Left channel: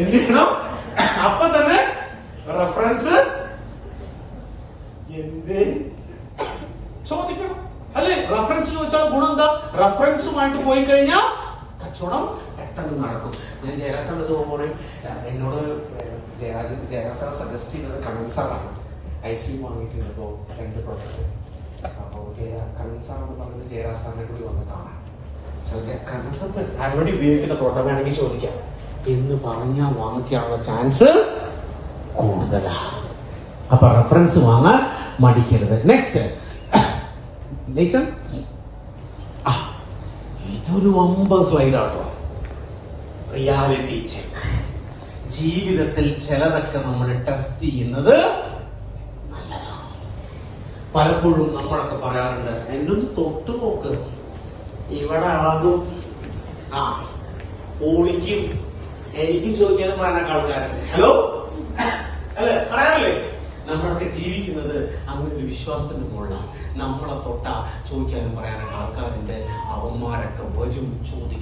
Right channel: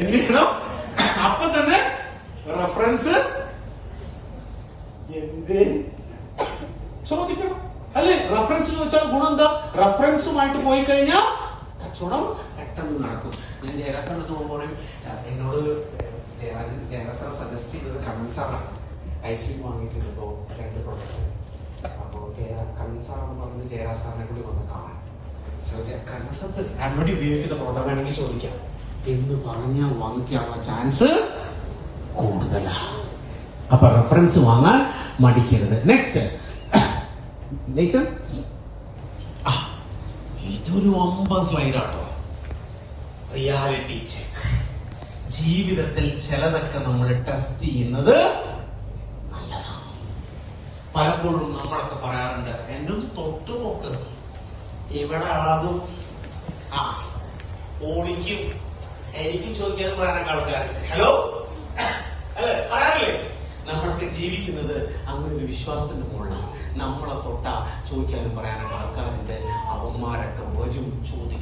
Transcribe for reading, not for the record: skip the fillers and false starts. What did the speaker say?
എന്ത് ചെയ്യണം? അപ്പൊ തന്നെ റെഫറൻസ് എന്ത് ചോദിക്കണം അല്ലെ? റെഫറൻസ് ചോദിച്ചാൽ ഗുണം എന്താ? റെഫറൻസുമായിട്ട് പോയി കഴിഞ്ഞാൽ കച്ചവടം പെട്ടെന്ന് നടക്കും. ഞാൻ ജയരാജ് പോകുമ്പോൾ എന്നോട് ജയരാജ് സജസ്റ്റ് ചെയ്തത് കണ്ണൻ സാറാണ്. ഐസി വാങ്ങിയിട്ടുണ്ടോ 2 പ്രോഡക്റ്റ്. അപ്പോ കണ്ണൻ സാറെന്ന് പറഞ്ഞത് ജയരാജ് സാറിനെ കൂടി വന്ന് കാണാൻ. കണ്ണൻ സാറിന് ആരോട് ഉപയോഗിക്കുന്ന പ്രോഡക്റ്റ് വേണമെങ്കിൽ ചോദിക്കാം എന്ന് പറഞ്ഞാൽ വാങ്ങിക്കാനുള്ള ചാൻസ് കൂടുതലാണ്. അപ്പൊ റെഫറൻസ് വാങ്ങാൻ മടിക്കരുത്. നെക്സ്റ്റ് ലേശം ഇതൊരു 9 സ്ലൈഡാട്ടോ. Reality check. ജീവിതത്തിൽ ചിലതൊക്കെ നമ്മൾ ടെസ്റ്റ് ചെയ്യുന്നത് നല്ലതാണ്. പലപ്പോഴും നമ്മളൊക്കെ പറയാറുണ്ട്, എന്നൊന്ന് തൊട്ടു നോക്ക്, ഇവിടെ അളകും ഓളിക്കും എനിക്കും ചോദിക്കാനും പറയാനൊക്കെ ആൾക്കാരുണ്ട്. ഹലോ അല്ലെ പറയാറില്ലേ? നമ്മളൊക്കെ ജീവിക്കുന്നത് അങ്ങനെ ഒരു വിശ്വാസത്തിന്റെ മുകളിലാണ്. നമ്മളെ തൊട്ട ചോദിക്കാനും പറയാനൊക്കെ ആൾക്കാരുണ്ട്. അവന്മാരൊക്കെ വരും, ചോദിക്കും.